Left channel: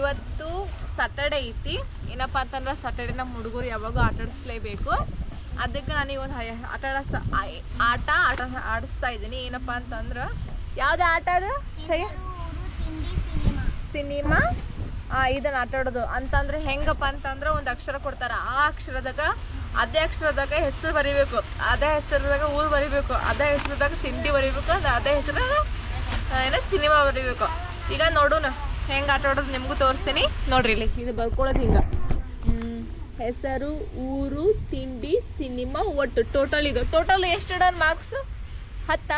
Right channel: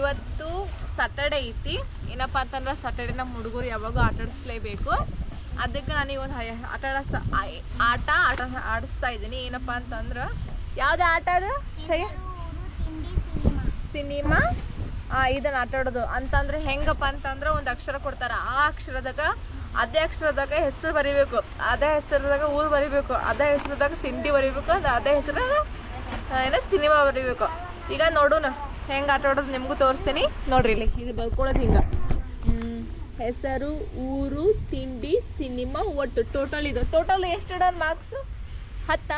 ಇವತ್ತು ಸಾಟರ್ಡೆ ಐತಿ. ಏನಪ್ಪ ಅಂತಂದ್ರೆ ಸಾಟರ್ಡೆ ನಮ್ಮ ಹುಡುಗರು ಯಾವಾಗೂ ಆಟ ಆಡಿಸ್ಲೇಬೇಕು. ಅದಕ್ಕೆ ನಾನು ಒಂದು ಆಟ ಆಡಸ ಆಟ ಆಟ ಆಡಿಸ್ತಾ ಇದ್ದೀನಿ. ಏನಪ್ಪ ಅಂತಂದ್ರೆ ಯಾವ್ದು ಆಟ ಅದು? ಸರಿ. ಸಿನಿಮಾ? ಇದನ್ನ ಆಟ ಆಡೋದು. ಅಂತಂದ್ರೆ ಹೆಂಗಪ್ಪ ಅಂತಂದ್ರೆ ಒಂದು ಅಕ್ಷರ ಕೊಡ್ತಾರೆ. ಆ ಅಕ್ಷರದಾಗ, ಅದೇ ಅಕ್ಷರದಾಗ ಹೆಸರು ಬರಿಬೇಕು. ಅದೇ ಹೆಸರದಾಗ ಊರು ಬರಿಬೇಕು. ಅದೇ ಹೆಸರದಾಗ ತಿಂಡಿ ಬರಿಬೇಕು. ಅದ್ ಹೆಸರಾಗ ಏನೋ ಸಿನಿಮಾ ಬರಿಬೇಕು. ಈಗ ನೋಡೋಣ. ಹೆಂಗೆ ಆಟ ಆಡೋದು ನಿಮಗೂ ತೋರಿಸ್ತೀನಿ. ನೋಡ್ರಿ ಇಲ್ಲಿ. ಇದು ಬರ್ಕೊಳ್ಳೋದು ಹಿಂಗೆ. ಹೆಸರು, ಊರು, ತಿಂಡಿ, ಸಿನಿಮಾ, ಒಟ್ಟು. ಟೋಟಲ್ ಇದು. ಟೋಟಲ್ ಎಷ್ಟು ಇಡೋದು ಮಾರ್ಕ್ಸ್ ಹತ್ತ?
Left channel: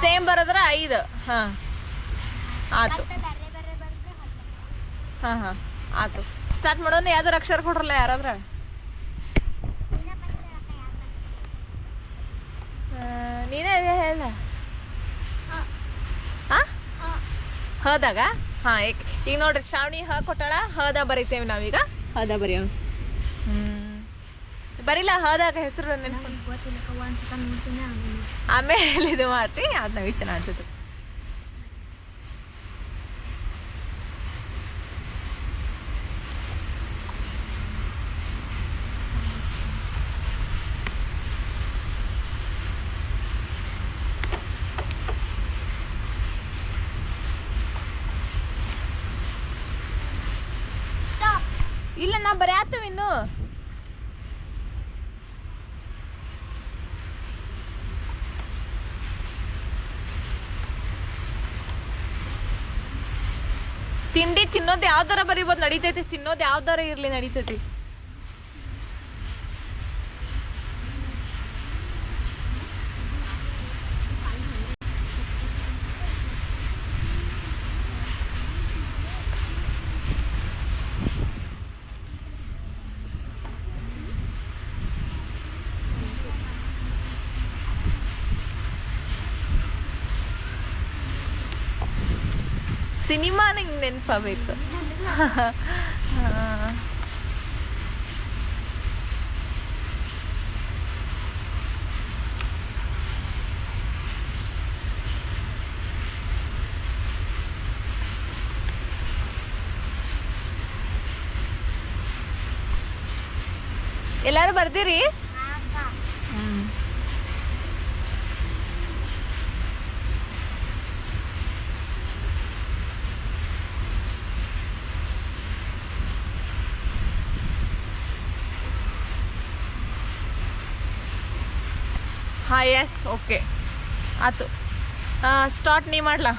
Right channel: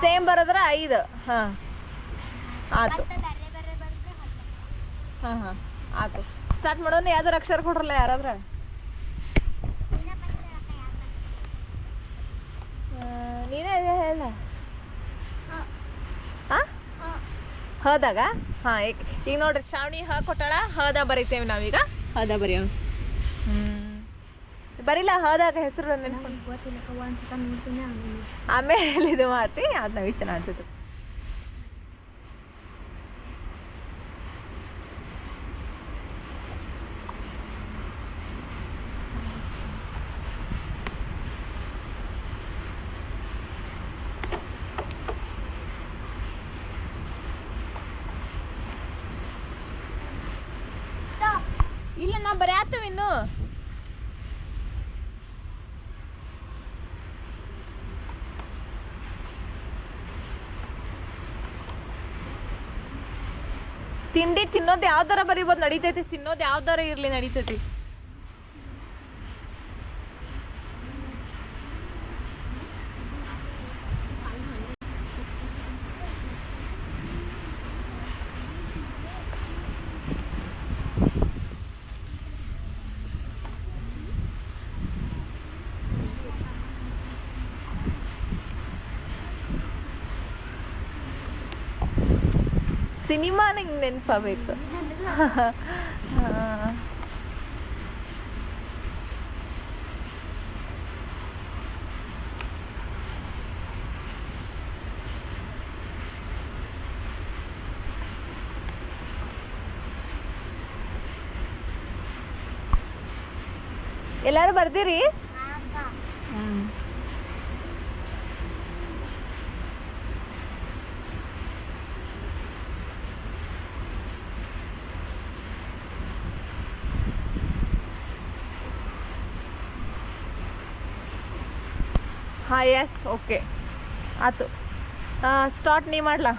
ಸೇಮ್ ಬರೋದ್ರ ಐದು. ಹಾಂ. ಆತು. ಹಾಂ ಹಾಂ. ಆತು. ಸ್ಟಾರ್ಟ್ ಮಾಡೋಣ ಯಾವ್ದಾರು ಅಕ್ಷರ ಕೊಡ್ರಲ್ಲ ಯಾರಾದ್ರ ಆ, ನೀನೇ ಹೇಳ ಹಾಂ ಹದಾಗ? ಹಾಂ ಈಗ ಈಗ ನೋಡ್ರಿ ಶ್ರಾವಣಿ ಹ ಕೊಟ್ಟಾಳ ಹದ ಬರೀತೇವೆ ನಾವೀಗ. ಹದ ಬರೆಯೋ? ಹ್ಞೂ ಬರಿಲ್ಲ ಹದಾಗ ಹೆಸರು ಆಮೇಲೆ ಇದು ಮಾಡ್ತೀನಿ ಅದು ನಾವು ಚೆನ್ನಾಗಿ ಅನ್ಸುತ್ತೆ ಇಲ್ಲ ನಾ ಬರೆಯತ್ತವ ಇನ್ನು. ತಿಂಡಿ ತಿನ್ನೋದು ಯಾವ್ದಾರ ಬರೀಬೋದು ನಡೀತೈತಿ. ತಿನ್ನೋದು ಯಾವ್ದಾರ ಇರ್ಲಿ ನಡೀತೈತಿ. ಸಿನಿಮಾ ನಂಗೆ ನೆನಪಾಗಬೇಕು. ಎಲ್ಲರೂ ಬರ್ದಿರಿ? ಹಾಂ ಎಸ್ ಓಕೆ ಆತು. ಸ್ಟಾರ್ಟ್ ನೀ ಮಾಡ್ಲಾ?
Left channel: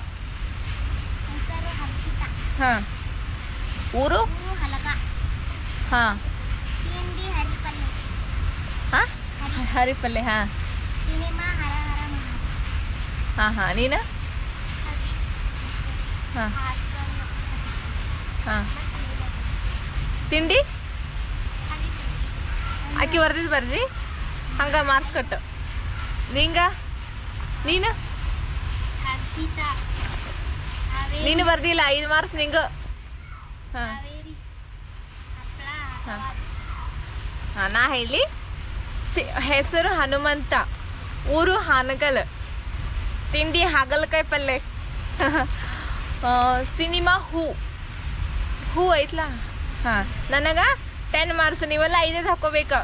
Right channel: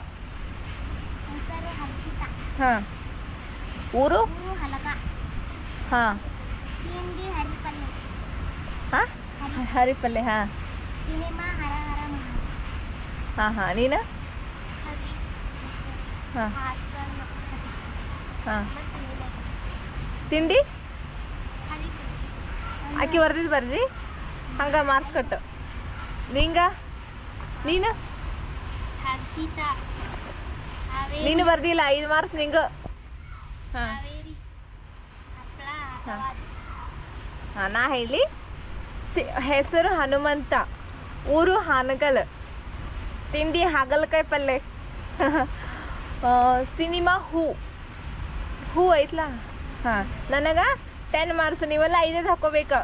ಹಾಂ. ಊರು? ಹಾಂ. ಹಾಂ? ಹರಿಪಲ್ಲೆ ಹಾಂ. ಹಾಂ ಹಾಂ. ನೀನು? ಹಾಂ. ಹಾಂ. ತಿಂಡಿ? ಅಕ್ಕಿ ಬರ್ದಿದ್ದು ಬರ್ದಿ? ಹಂಗೆ ಮಾರ್ಕ್ಸ್ ಕಟ್ಟು. ನಿಂಗ? ನೀನು? ನೀನು ಬರ್ದಿಲ್ಲ ಐದು ಮಾರ್ಕ್ಸ್ ನಿಂಗ. ಹಾಂ. ಹಾ. ಹಾಂ ನಾ ಹೇಳಿ. ಸಿ- ಹೆಸರು ಹನುಮಂತ. ಊರು ಹಾನಗಲ್. ತಿಂಡಿ ಹಾಗಲಕಾಯಿ ಪಲ್ಯ ಸಿನಿಮಾ ಹೂ. ಹೂ ಐತ್ಲಾ? ಹಾಂ. ನನಗೆ ಟೆನ್ ಮಾರ್ಕ್ಸ್ ನೀವೆಲ್ಲ ಐದೈದು ಹಾಕೋಬೇಕು.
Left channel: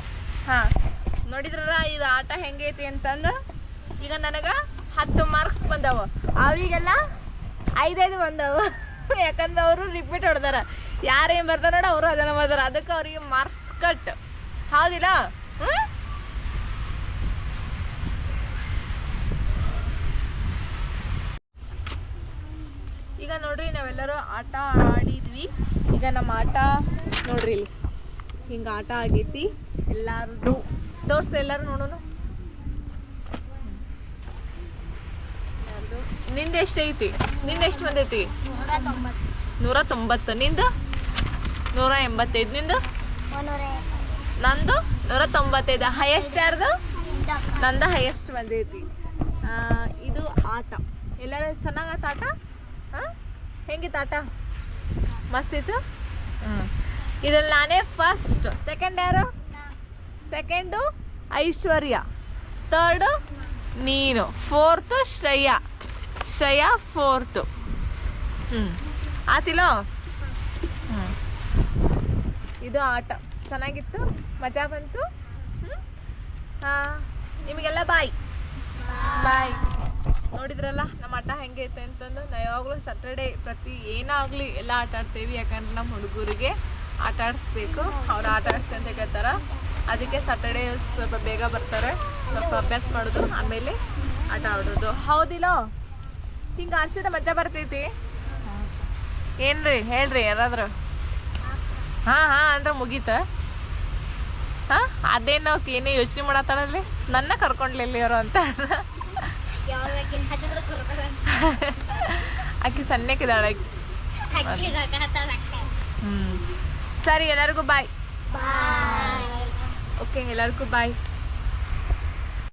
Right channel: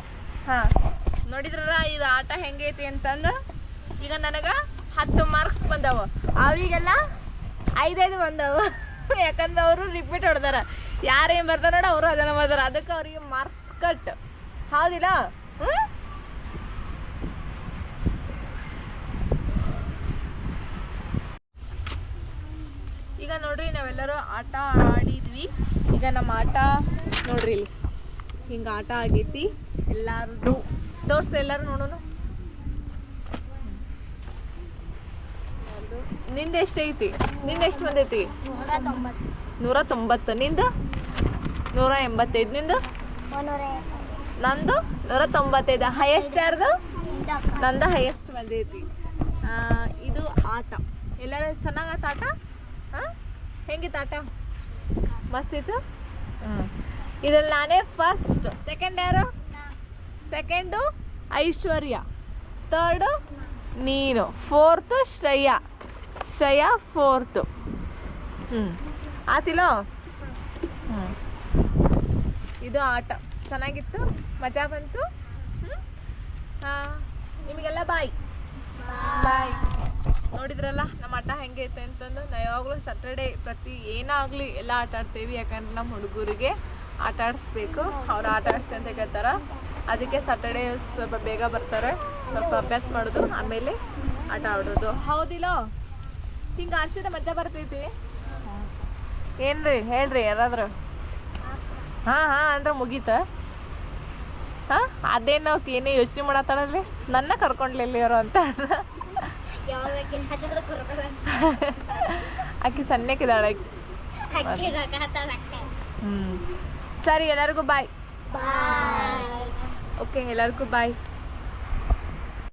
ಹಾಂ. ನೋಡಿದ್ರಲ್ಲ, ಇದು ಆಟ ಹೆಂಗೈತಿ ಅಂತಂದು? ಈಗ ನನಗೆ ಹತ್ತು ಮಾರ್ಕ್ಸ್ ಬಂದವ. ಅವರಿಗೆಲ್ಲ ಐದೈದು ಬಂದವು. ಯಾಕಂದ್ರೆ ಅವರು ರಿಪೀಟ್ ಹೊಡೆದಾರ. ಯಾರೇನು ಬರ್ತಾರ ನೋಡ, ಅವರು ಅದನ್ನು ಬರ್ದಾರ ಅದಕ್ಕೆ ಅವ್ರಿಗೆ ಮಾರ್ಕ್ಸ್ ಕಟ್ ಹೌದಿಲ್ಲ? ಈಗ ನೋಡ್ರಿ, ನಾವೆಲ್ಲರೂ ಆಟ ಆಡಿದ್ವಿ. ಈಗ ನಮ್ಮ ಆಟ ನೋಡ್ರಿ ಇಲ್ಲಿ. ಹಿಂಗೆ ಆಟ ಆಗೈತಿ. ಎಲ್ಲಾರ್ದು ತೋರ್ಸ ಎಲ್ಲಾರು ನೋಡೋಣ ನಿಂದ ಎಷ್ಟೈತಿ ನಿಂದ ಎಷ್ಟು ಬಂದೈತಿ? ನೂರ ತೊಂಬತ್ತು. ನಿಂದ? ನೂರ ಎಂಬತ್ತೈದು. ನಿಂದು? ನಂದು? ನೂರ ತೊಂಬತ್ತೈದು. ಹೈಯೆಸ್ಟ್ ಯಾರ್ದು? ನಂದ ಹೈಯೆಸ್ಟ್ ಬಂದೈತಿ. ಇದು ಆಟ. ಎಲ್ಲರೂ ಚೆನ್ನಾಗತ್ತ ಆಟ ಹಾಂ? ಹೆಂಗಿತ್ತು ಆಟ? ಮಸ್ತ್ ಇತ್ತು? ಹ್ಞೂ ಇದ್ರಲ್ಲಿ ನಾನೇ ಫಸ್ಟ್ ಸೆಕೆಂಡ್ ಯಾರು? ಸೆಕೆಂಡು ಐಶ್ವರ್ಯ ತರ್ಡು ನೀನು ಫೋರ್ತು ಶ್ರೇಯಾ ಶ್ರೇಯಾ ಫೋರ್ತು ಹ್ಞೂ ಆತಿಲೋ? ಹ್ಞೂ ಇದು ಆಟ. ಚೆನ್ನಾಗಿತ್ತು? ಮಜಾ ಬಂತು? ಹ್ಞೂ ಹಾಂ. ನಿಮಗೆಲ್ಲ ಬಾಯ್. ಬಾಯ್. ನೋಡಿದ್ರಲ್ಲ, ನಮ್ಮ ಆಟ ಹೆಂಗೆ ಐತೆ ಅಂತಂದು? ನಾ ಯಾವಾಗಲೂ ಸ್ಯಾಟರ್ಡೇ ಪ್ರತಿ ಏನಾಗಲಿ ಎಲ್ಲ ಆಟ ಆಡ್ತೀವಿ, ಯಾಕಂದ್ರೆ ನಮ್ಮ ಹುಡುಗರಿಗೆ ಆಟ ಆಡಿಸ್ಬೇಕು. ಅವ್ರು ಆಟ ಅಂತ ಕೇಳ್ತಾರ? ಅದಕ್ಕೆ ಸ್ಯಾಟರ್ಡೇ ಸ್ವಲ್ಪ ಬೇಗ ಬರ್ತಾರೆ. ಸ್ವಲ್ಪ ಅಭ್ಯಾಸ ಮಾಡೋದು ಆಮೇಲೆ ಆಟ ಆಡೋದು. ಹೌದಿಲ್ಲ? ಹಿಂಗೆ ಆಡ್ಸಿದ್ರೆ ಮಜಾ ಬರ್ತೈತಿ. ಏನ್ರಿ ಹೇಳ್ರಿ ಯಾರಾದ್ರು? ಹಾಂ ಹಾಂ ಅಂದ್ರೆ ಮುಗೀತ? ಹಾಂ ಅದೇನು ಅವ್ಕೆ ಏನೇ ಯೋಚನೆ ಮಾಡತ್ತಾರಲ್ಲಿ ನನ್ನ ಕರ್ಕೊಂಡ್ಲಿಲ್ಲ ಇವರು ಅಂತ. ಆಕೆ ಸಣ್ಣಕ್ಕಿದ್ದಾಳೆ. ಹ್ಞೂ ಸರಿ ಎಲ್ಲರಿಗೂ ಬಾಯ್ ಬಾಯ್ ಓಕೆ ಎಲ್ಲರಿಗೂ ಬಾಯ್